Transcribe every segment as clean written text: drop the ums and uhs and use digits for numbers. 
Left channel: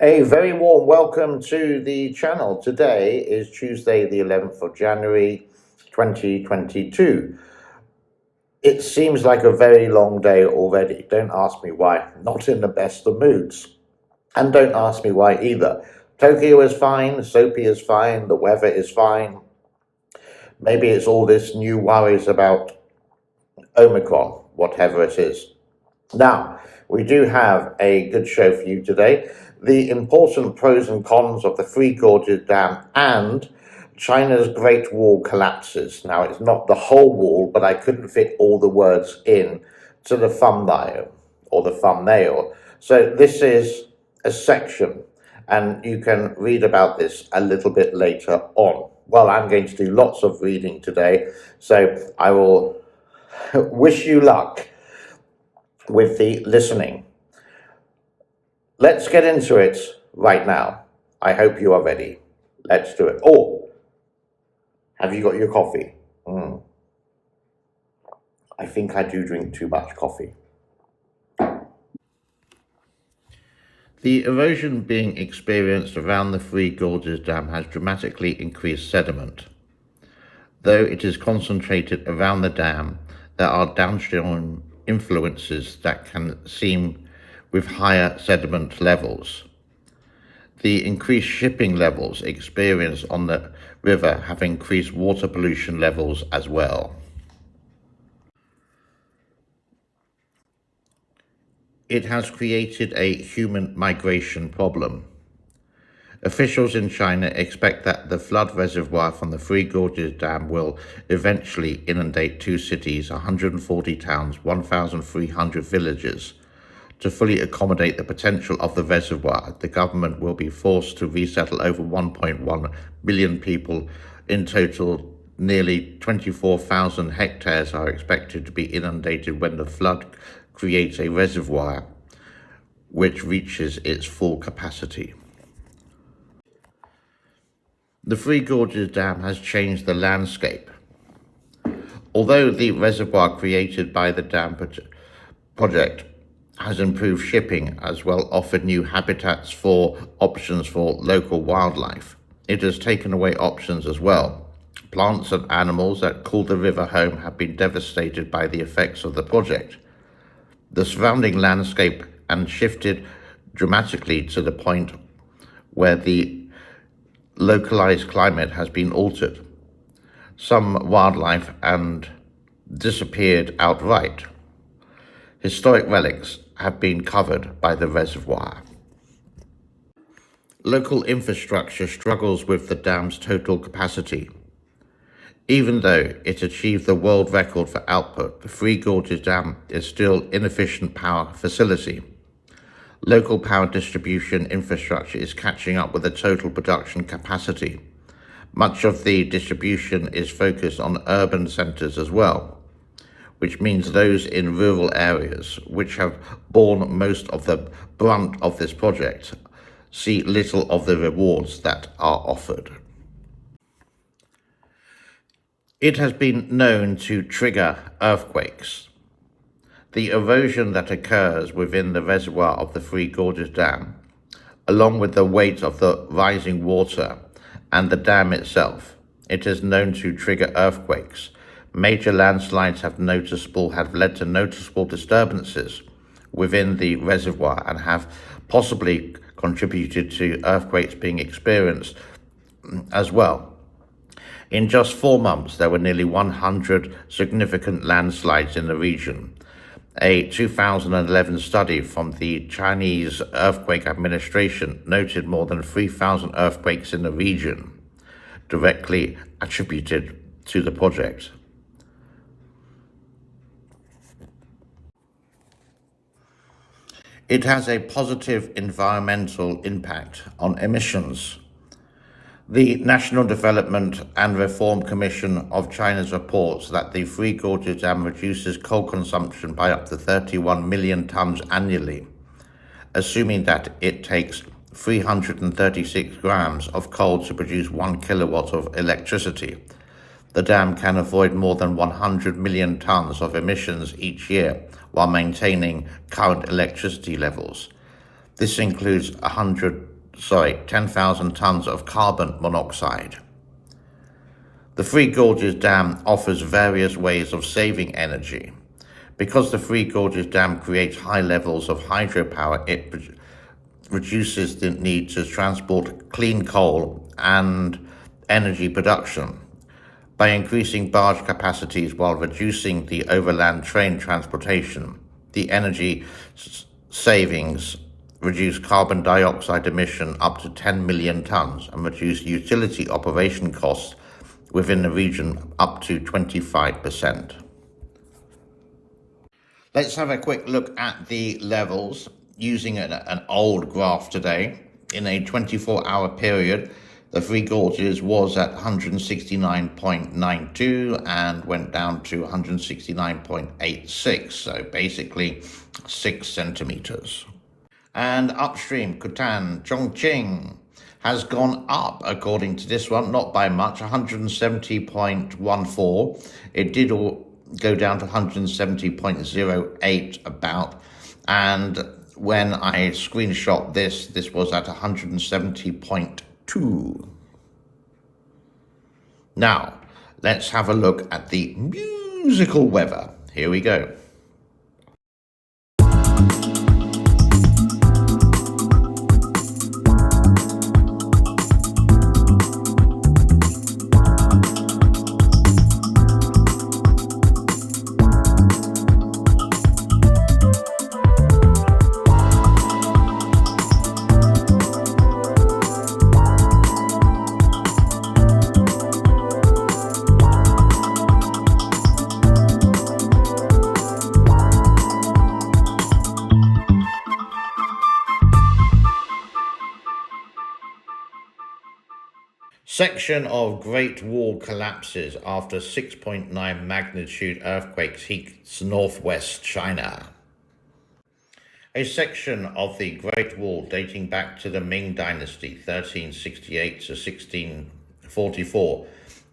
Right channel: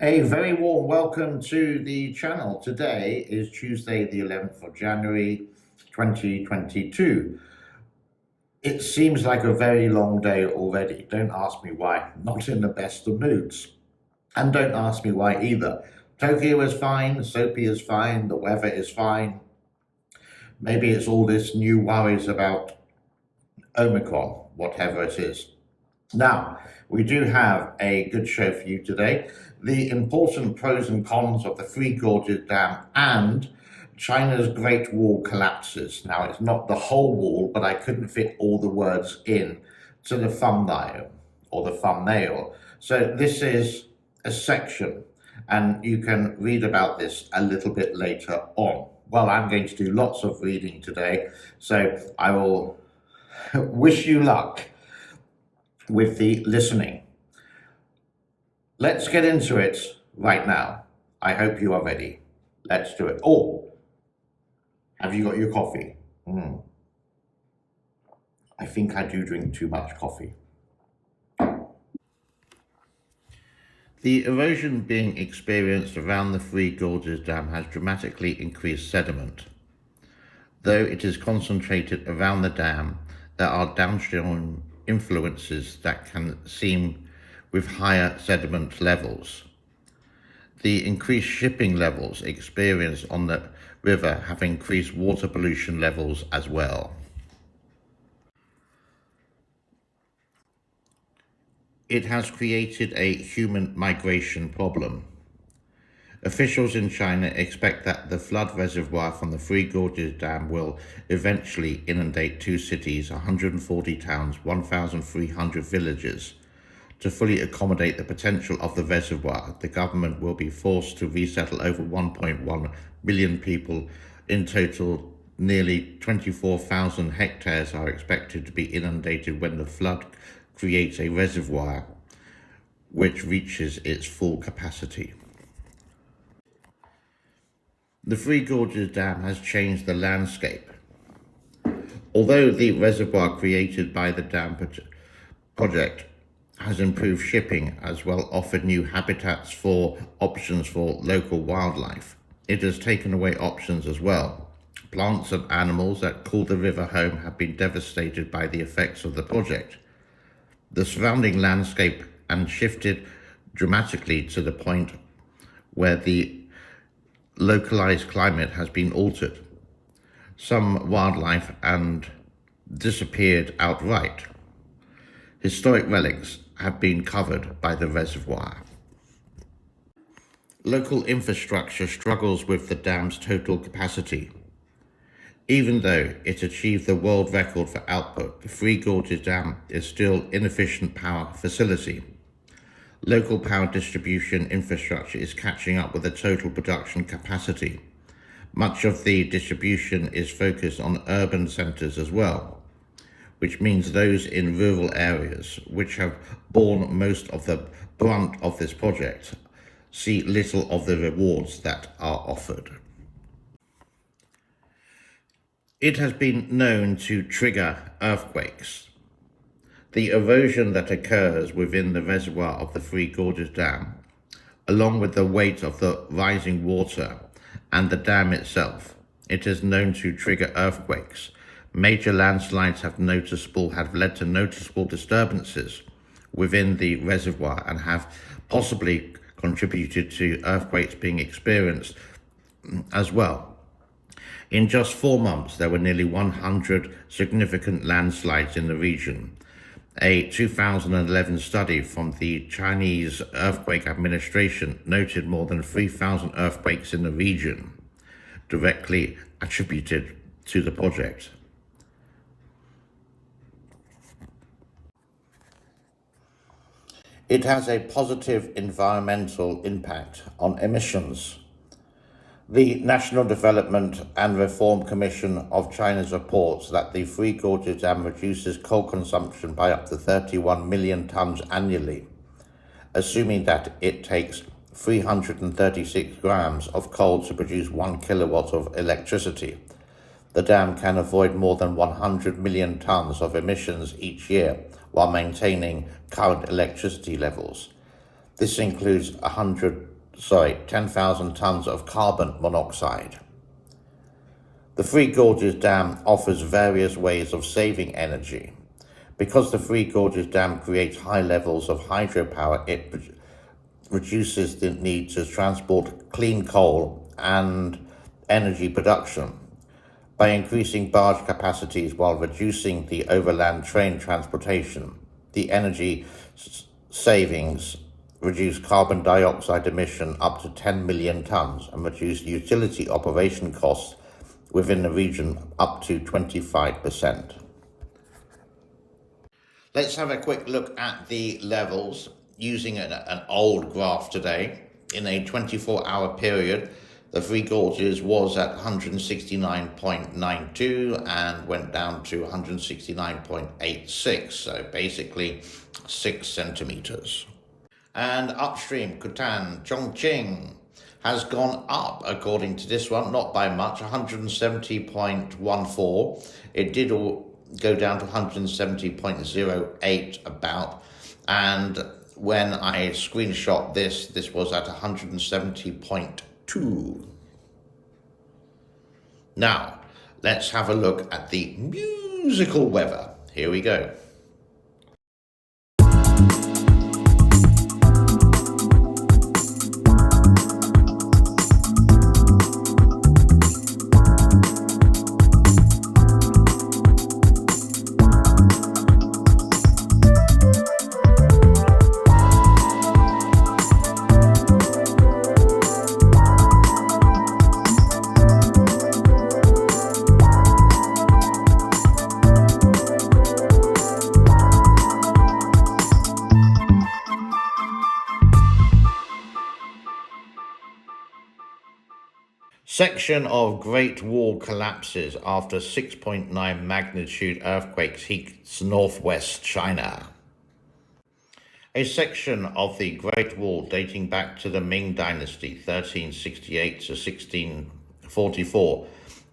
A very warm welcome to the channel. Today is Tuesday, the 11th of January, 2022. It seems like a very long day already. Don't ask me why. Not in the best of moods. And don't ask me why either. Tokyo is fine, Soapy is fine, the weather is fine. Maybe it's all this new worries about Omicron, whatever it is. Now, we do have a good show for you today. The important pros and cons of the Three Gorges Dam and China's Great Wall collapses. Now, it's not the whole wall, but I couldn't fit all the words in to the thumbnail. So this is a section, and you can read about this a little bit later on. Well, I'm going to do lots of reading today, so I will wish you luck with the listening. Let's get into it right now. I hope you are ready. Let's do it. Oh, have you got your coffee? I think I do drink too much coffee. The erosion being experienced around the Three Gorges Dam has dramatically increased sediment. Though it is concentrated around the dam, there are downstream influences that can seem with higher sediment levels. The increased shipping levels experienced on the river have increased water pollution levels as well. It has created a human migration problem. Officials in China expect that the flood reservoir from the Three Gorges Dam will eventually inundate two cities, 140 towns, 1,300 villages. To fully accommodate the potential of the reservoir, the government will be forced to resettle over 1.1 million people. In total, nearly 24,000 hectares are expected to be inundated when the flood creates a reservoir which reaches its full capacity. The Three Gorges Dam has changed the landscape. Although the reservoir created by the dam project has improved shipping as well offered new habitats for options for local wildlife, it has taken away options as well. Plants and animals that call the river home have been devastated by the effects of the project. The surrounding landscape and shifted dramatically to the point where the localized climate has been altered. Some wildlife and disappeared outright. Historic relics have been covered by the reservoir. Local infrastructure struggles with the dam's total capacity. Even though it achieved the world record for output, the Three Gorges Dam is still an inefficient power facility. Local power distribution infrastructure is catching up with the total production capacity. Much of the distribution is focused on urban centres as well, which means those in rural areas, which have borne most of the brunt of this project, see little of the rewards that are offered. It has been known to trigger earthquakes. The erosion that occurs within the reservoir of the Three Gorges Dam, along with the weight of the rising water and the dam itself, it is known to trigger earthquakes. Major landslides have led to noticeable disturbances within the reservoir and have possibly contributed to earthquakes being experienced as well. In just 4 months, there were nearly 100 significant landslides in the region. A 2011 study from the Chinese Earthquake Administration noted more than 3,000 earthquakes in the region, directly attributed to the project. It has a positive environmental impact on emissions. The National Development and Reform Commission of China's reports that the Three Gorges Dam reduces coal consumption by up to 31 million tons annually, assuming that it takes 336 grams of coal to produce 1 kilowatt of electricity. The dam can avoid more than 100 million tons of emissions each year while maintaining current electricity levels. This includes 10,000 tons of carbon monoxide. The Three Gorges Dam offers various ways of saving energy. Because the Three Gorges Dam creates high levels of hydropower, it reduces the need to transport clean coal and energy production. By increasing barge capacities while reducing the overland train transportation, the energy savings reduce carbon dioxide emission up to 10 million tons and reduce utility operation costs within the region up to 25%. Let's have a quick look at the levels using an old graph today. In a 24-hour period, the Three Gorges was at 169.92 and went down to 169.86, so basically 6 centimeters. And upstream, Kutan, Chongqing has gone up according to this one, not by much, 170.14. It did go down to 170.08 about, and when I screenshot this was at 170.2. Now, let's have a look at the musical weather. Here we go. Section of Great Wall collapses after 6.9 magnitude earthquake hits northwest China. A section of the Great Wall dating back to the Ming Dynasty, 1368 to 1644,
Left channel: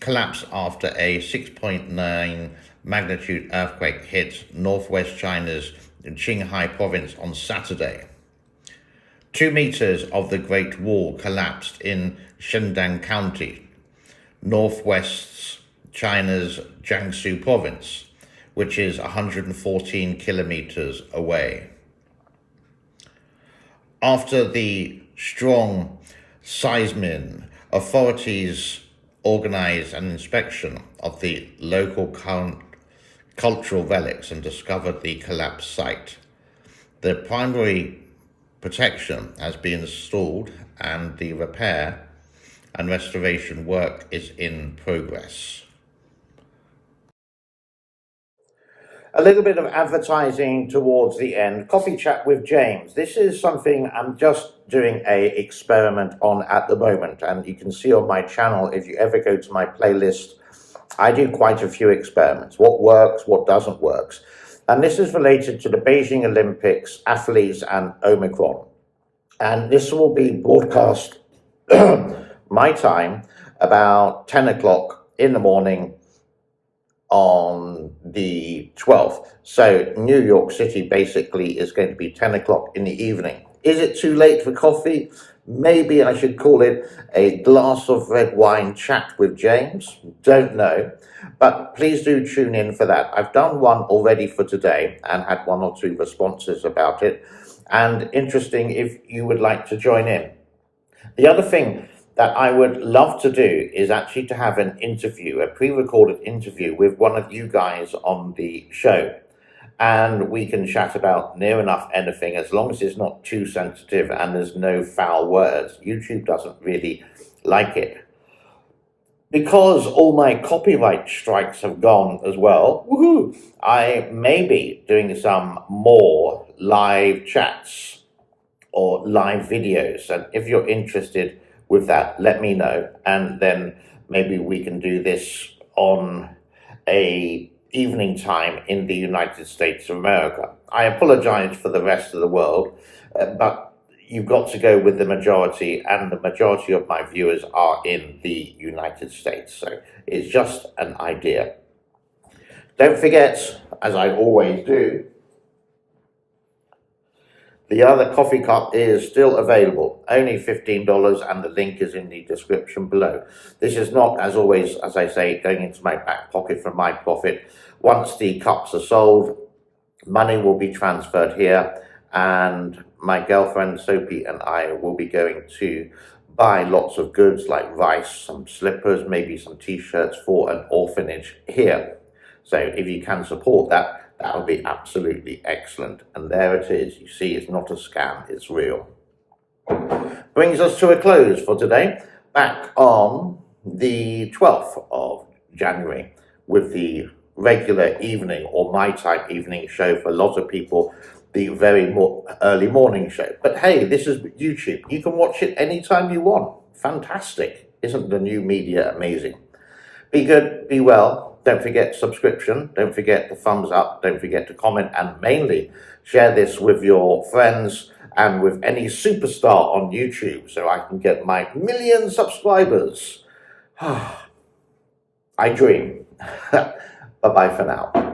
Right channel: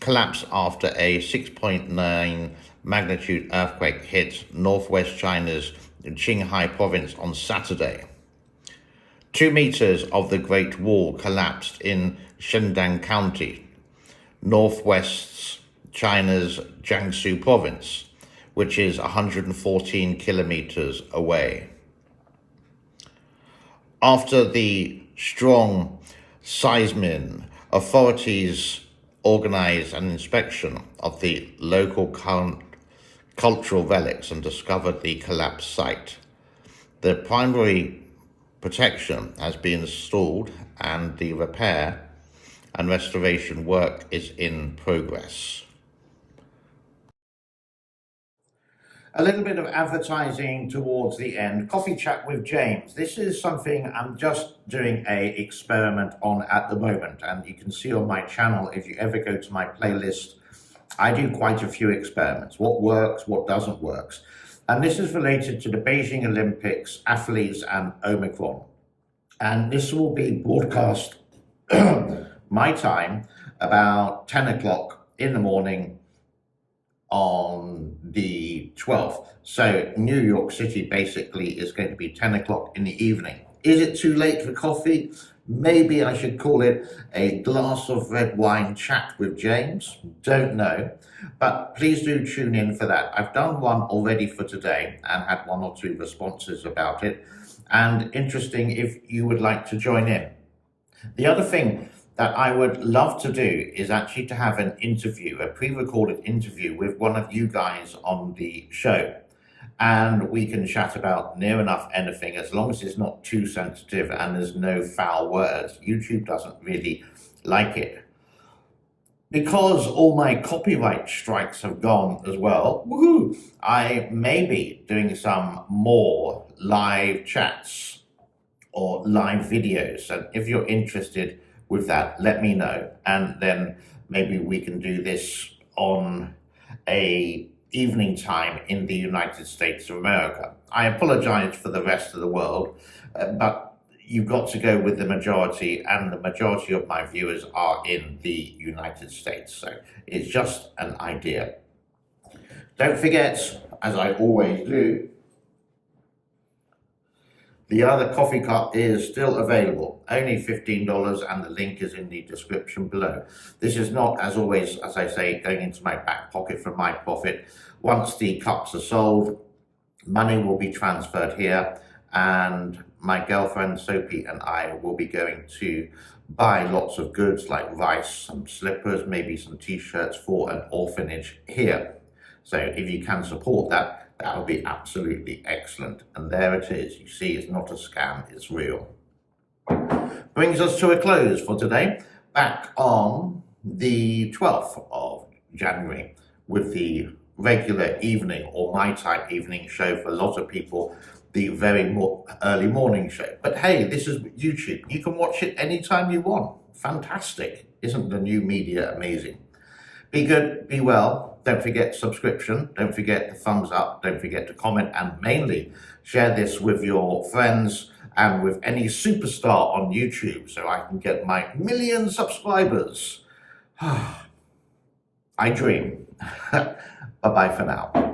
collapsed after a 6.9 magnitude earthquake hit northwest China's Qinghai province on Saturday. 2 meters of the Great Wall collapsed in Shandong County, northwest China's Jiangsu province, which is 114 kilometers away. After the strong seismic, authorities organized an inspection of the local cultural relics and discovered the collapsed site. The primary protection has been installed and the repair and restoration work is in progress. A little bit of advertising towards the end. Coffee chat with James. This is something I'm just doing a experiment on at the moment, and you can see on my channel, if you ever go to my playlist, I do quite a few experiments. What works, what doesn't work. And this is related to the Beijing Olympics, athletes, and Omicron. And this will be broadcast my time about 10 o'clock in the morning on the 12th. So New York City basically is going to be 10 o'clock in the evening. Is it too late for coffee? Maybe I should call it a glass of red wine chat with James. Don't know. But please do tune in for that. I've done one already for today and had 1 or 2 responses about it. And interesting if you would like to join in. The other thing that I would love to do is actually to have an interview, a pre-recorded interview with one of you guys on the show. And we can chat about near enough anything, as long as it's not too sensitive and there's no foul words. YouTube doesn't really like it. Because all my copyright strikes have gone as well, woohoo, I may be doing some more live chats or live videos. And if you're interested with that, let me know. And then maybe we can do this on a evening time in the United States of America. I apologize for the rest of the world, but you've got to go with the majority, and the majority of my viewers are in the United States. So it's just an idea. Don't forget, as I always do, The other coffee cup is still available, only $15, and the link is in the description below. This is not, as always, as I say, going into my back pocket for my profit. Once the cups are sold, money will be transferred here, and my girlfriend Sophie and I will be going to buy lots of goods like rice, some slippers, maybe some t-shirts for an orphanage here. So if you can support that, that would be absolutely excellent. And there it is. You see, it's not a scam, it's real. Brings us to a close for today. Back on the 12th of January with the regular evening or my time evening show, for a lot of people, the very early morning show. But hey, this is YouTube. You can watch it anytime you want. Fantastic. Isn't the new media amazing? Be good, be well. Don't forget subscription. Don't forget the thumbs up. Don't forget to comment, and mainly share this with your friends and with any superstar on YouTube so I can get my 1 million subscribers. I dream. Bye-bye for now.